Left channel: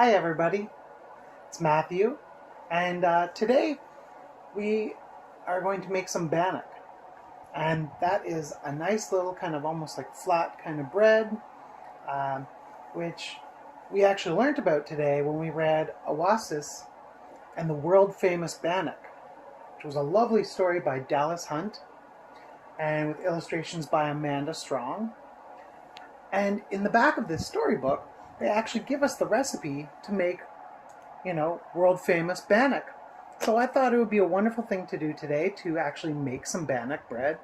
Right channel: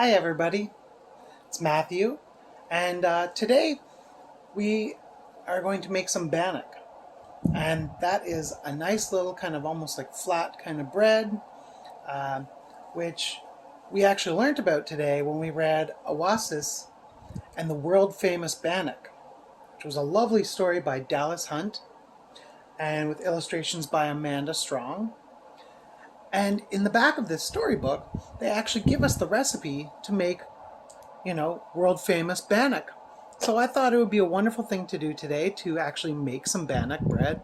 Hi everybody, it's Matthew, and today we are going to make some bannock, and that is a nice little kind of almost like flat kind of bread, um, which we actually learned about today when we read Awâsis and the World-Famous Bannock, which was a lovely story by Dallas Hunt and with illustrations by Amanda Strong. And in the back of this storybook, they actually give us the recipe to make world famous bannock. So I thought it would be a wonderful thing to do today to actually make some bannock bread.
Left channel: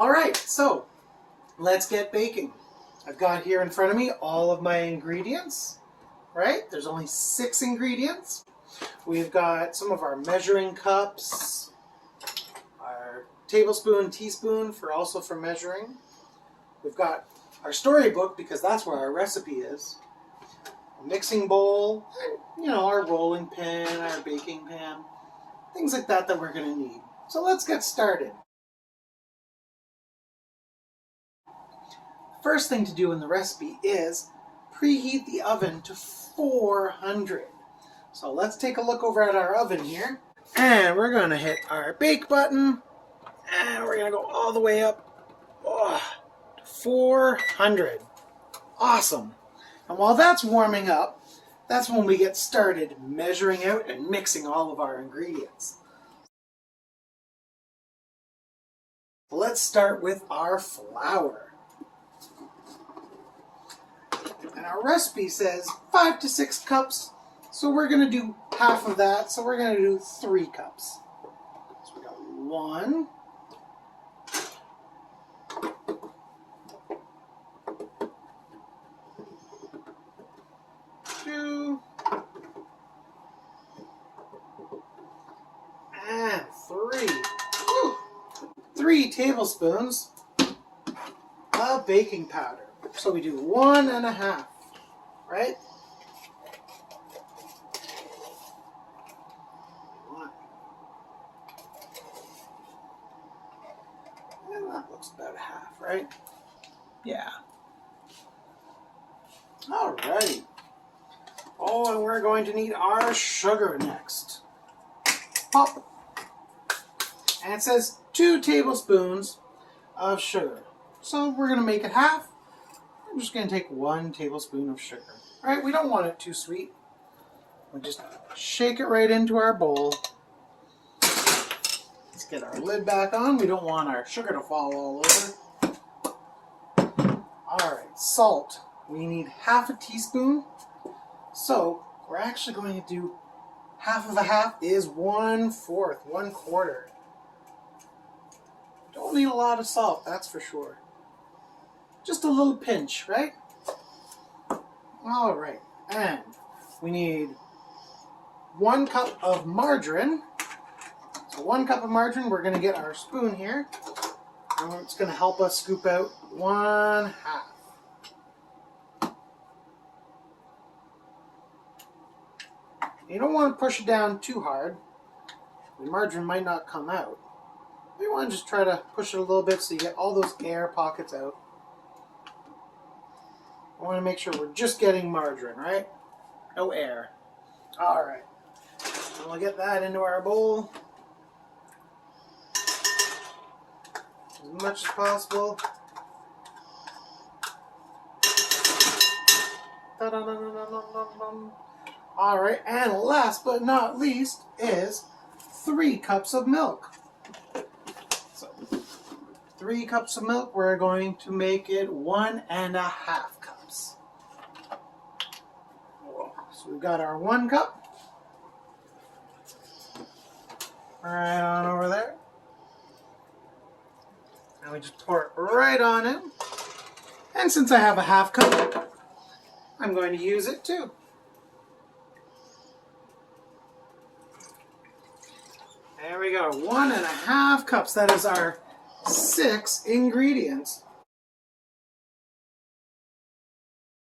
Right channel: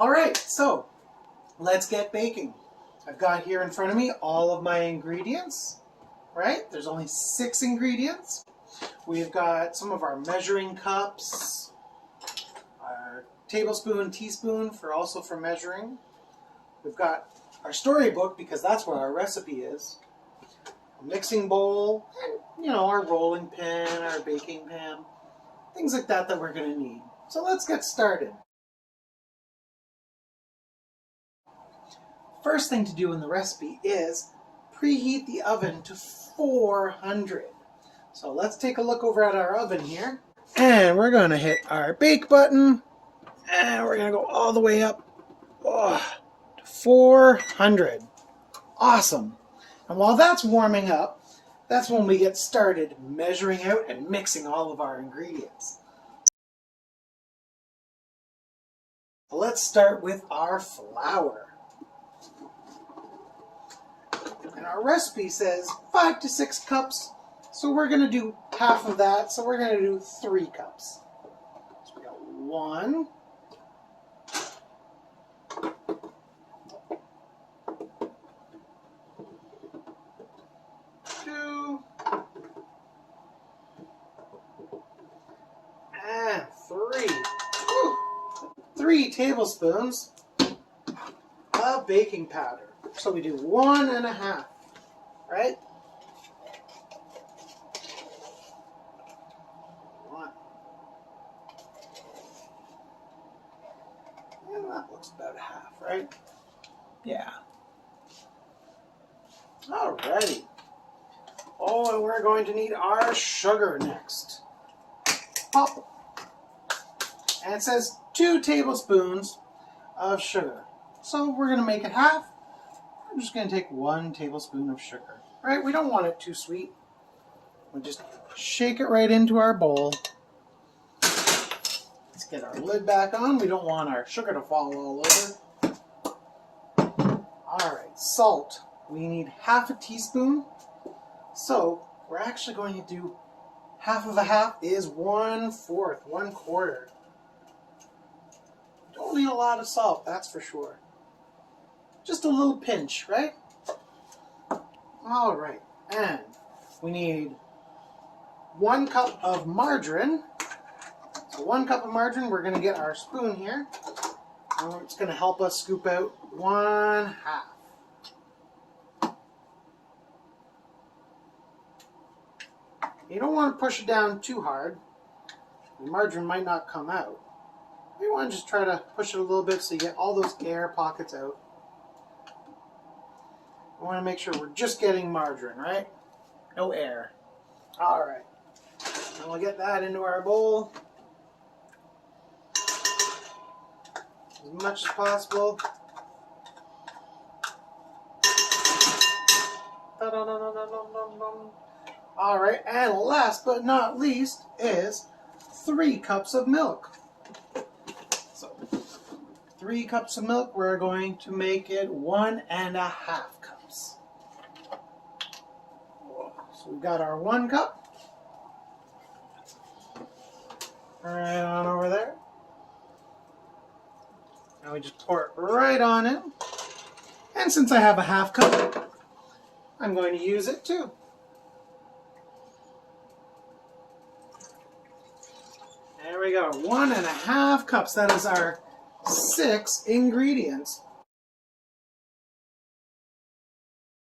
All right, so let's get baking. I've got here in front of me all of my ingredients, right? There's only 6 ingredients. We've got some of our measuring cups, our tablespoon, teaspoon for measuring. We've got our storybook because that's where our recipe is. A mixing bowl, and our rolling pin, our baking pan, things like that that we're going to need. So let's get started. First thing to do in the recipe is preheat the oven to 400. So let's take a look over at our oven here. And we're going to hit our bake button. And we're going to go all the way up to 400. Awesome. And while that's warming up, that's when we get started measuring out and mixing all of our ingredients. Let's start with our flour. And our recipe says 5 to 6 cups, so we're going to do half of that, so we're going to do 3 cups. So we got 1, 2, and 3. Woo! 3 tablespoons of baking powder. So we do 1.5, right? 1. And that looks about half, right? Yeah. Alrighty. Oh, and we're going to need our sugar next. Pop. And it says 2 tablespoons of sugar. So we're going to make it half. I'm just going to take 1 tablespoon of sugar. Right? We don't want it too sweet. We just shake it right into our bowl. Let's get our lid back on. We don't want our sugar to fall all over. Alright, salt. We need half a teaspoon. So we're actually going to do half of a half is 1/4, 1/4. Don't need a lot of salt, that's for sure. Just a little pinch, right? All right, and we need 1 cup of margarine. So 1 cup of margarine, we're gonna get our spoon here. And it's gonna help us scoop out 1/2. You don't want to push it down too hard. The margarine might not come out. You want to just try to push it a little bit so you get all those air pockets out. I want to make sure we're just getting margarine, right? No air. All right. And we'll get that into our bowl as much as possible. All right, and last but not least is 3 cups of milk. So 3 cups of milk, we're going to make it 1.5 cups. So we've got our 1 cup. Right on over there. And we just pour it right on in. And since I have a 1/2 cup, I'm going to use it too. There we go, 1.5 cups. That is our 6 ingredients.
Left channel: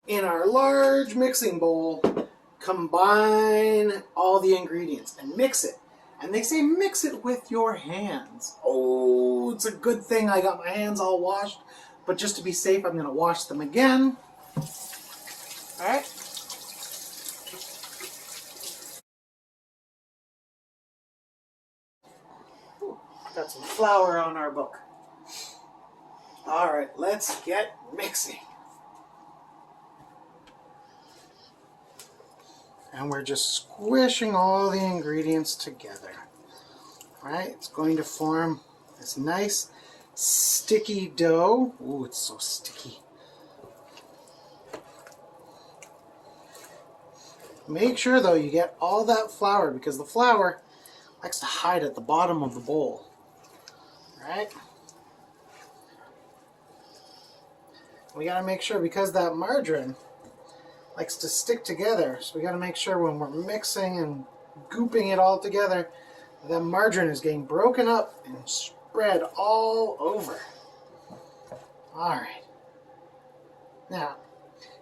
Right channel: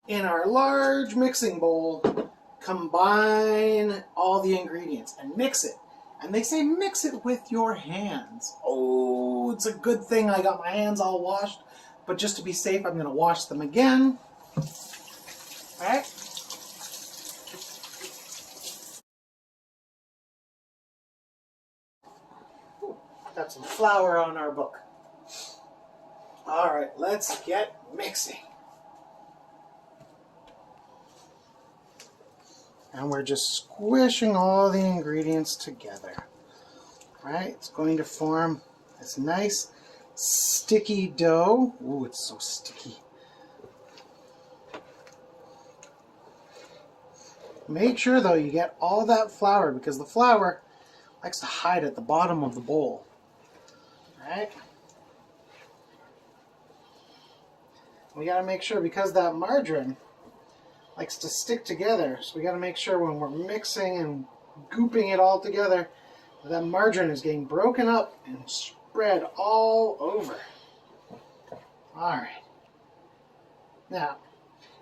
In our large mixing bowl, combine all the ingredients and mix it. And they say mix it with your hands. Oh, it's a good thing I got my hands all washed. But just to be safe, I'm going to wash them again. All right. Got some flour on our book. All right, let's get mixing. And we're just squishing all the ingredients together. Right? It's going to form this nice sticky dough. Ooh, it's so sticky. Make sure though you get all that flour because the flour likes to hide at the bottom of the bowl. Right? We got to make sure because that margarine likes to stick together, so we got to make sure when we're mixing and gooping it all together, the margarine is getting broken up and spread all over. Alright. Now,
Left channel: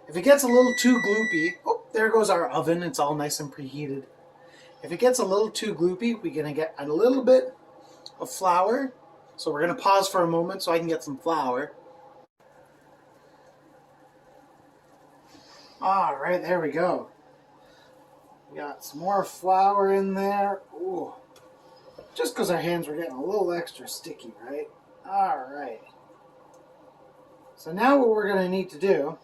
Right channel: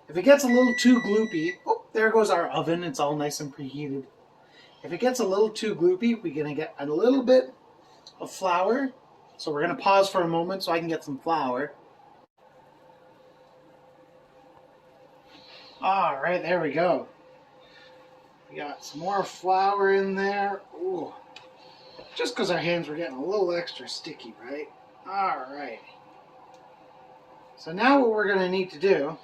if it gets a little too gloopy, oh, there goes our oven, it's all nice and preheated. If it gets a little too gloopy, we're going to get a little bit of flour. So we're going to pause for a moment so I can get some flour. Alright, there we go. We got some more flour in there. Ooh. Just because our hands were getting a little extra sticky, right? Alright. So now what we're going to need to do,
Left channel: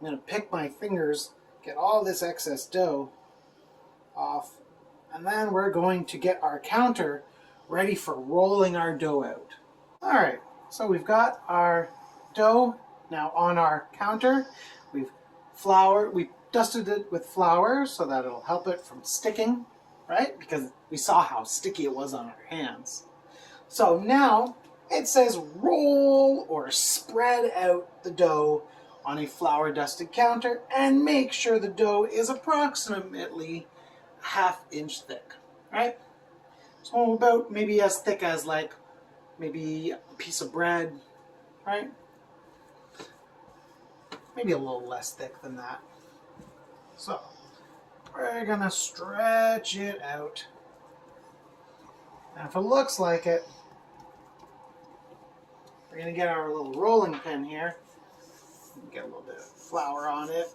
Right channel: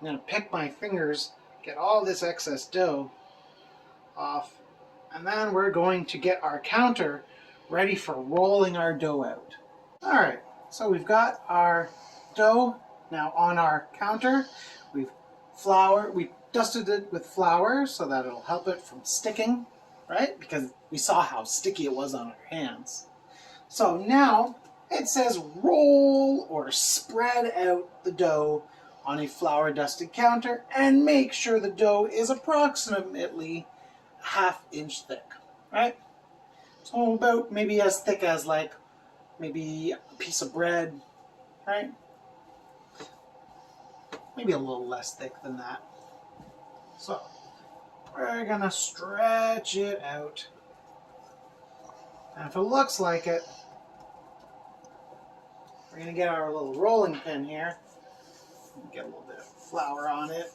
I'm going to pick my fingers, get all this excess dough off, and then we're going to get our counter ready for rolling our dough out. Alright, so we've got our dough now on our counter. We dusted it with flour so that it'll help it from sticking, right? Because we saw how sticky it was on our hands. So now it says roll or spread out the dough on a flour dusted counter and make sure the dough is approximately a ½ inch thick, right? So about maybe as thick as like maybe a piece of bread, right? Maybe a little less thick than that. So we're gonna stretch it out. And if it looks like it, we're gonna get our little rolling pin here. Get a little bit of flour on it.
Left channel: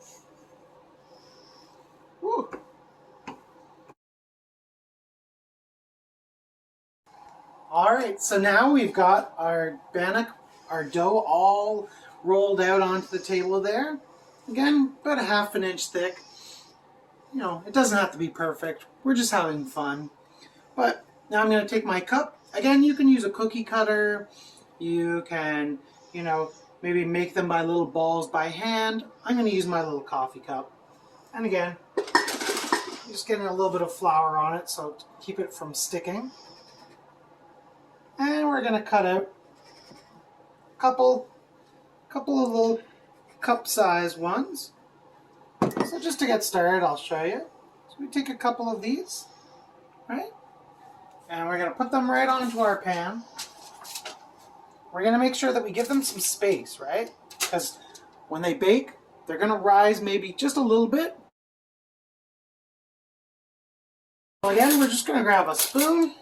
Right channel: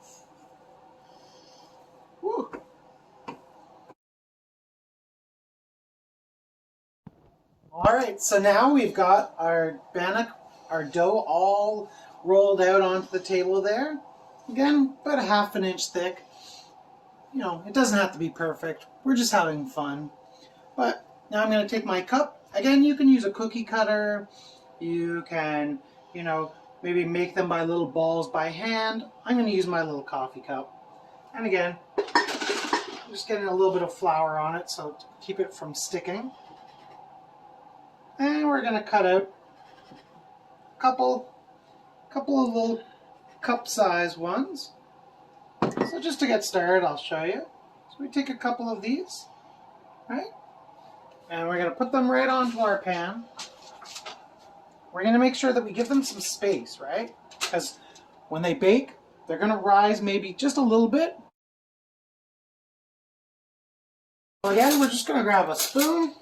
Woo. Alright, so now we've got our bannock, our dough all rolled out onto the table there. Again, about a ½ inch thick. You know, it doesn't have to be perfect. We're just having fun. But now I'm going to take my cup. Again, you can use a cookie cutter. You can, you know, maybe make them by little balls by hand. I'm going to use my little coffee cup. And again, I'm just getting a little bit of flour on it so to keep it from sticking. And we're going to cut out a couple of little cup-sized ones. So just to get started, I'll show you. So we take a couple of these, right? And we're going to put them right onto our pan. We're going to make sure that we give them some space, right? Because when they bake, they're going to rise maybe just a little bit. Again, we're just going to grab a spoon.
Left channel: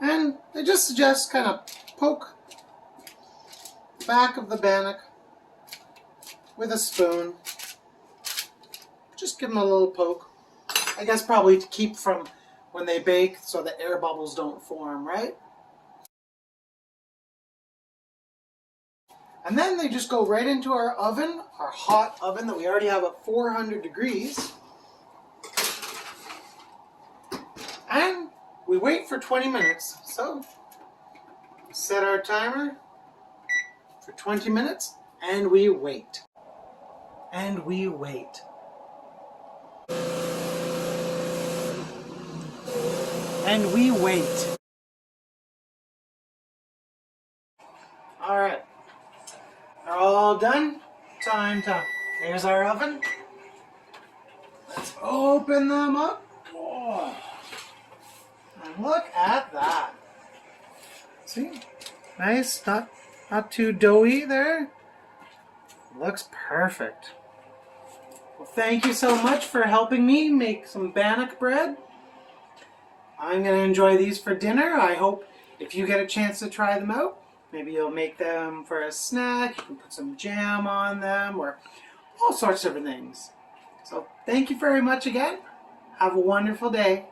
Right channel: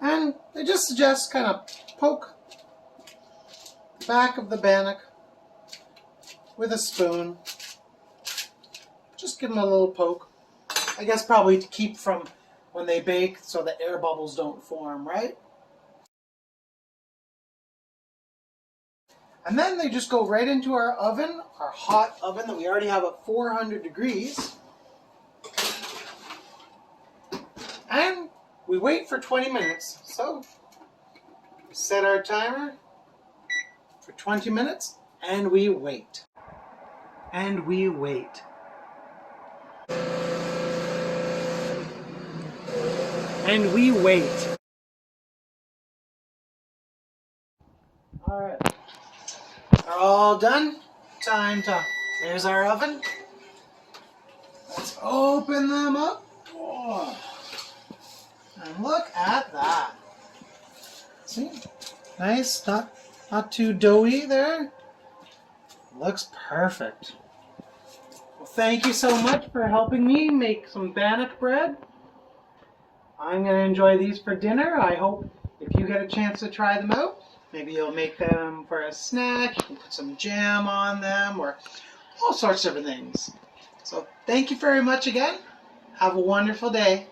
And I just suggest kind of poke the back of the bannock with a spoon. Just give them a little poke. I guess probably to keep from when they bake so the air bubbles don't form, right? And then they just go right into our oven, our hot oven that we already have at 400 degrees. And we wait for 20 minutes. So set our timer for 20 minutes and we wait. And we wait. And we wait. All right. They're all done. Time to, here's our oven. Let's open them up. Oh. And look at that. See? Nice, not too doughy there. Looks perfect. Well, thank you so much for helping me make some bannock bread. I'm going to enjoy these for dinner. I hope if you get a chance to try them out, maybe you'll make them for a snack. You can put some jam on them or all sorts of things. So thank you very much again. Have a wonderful day.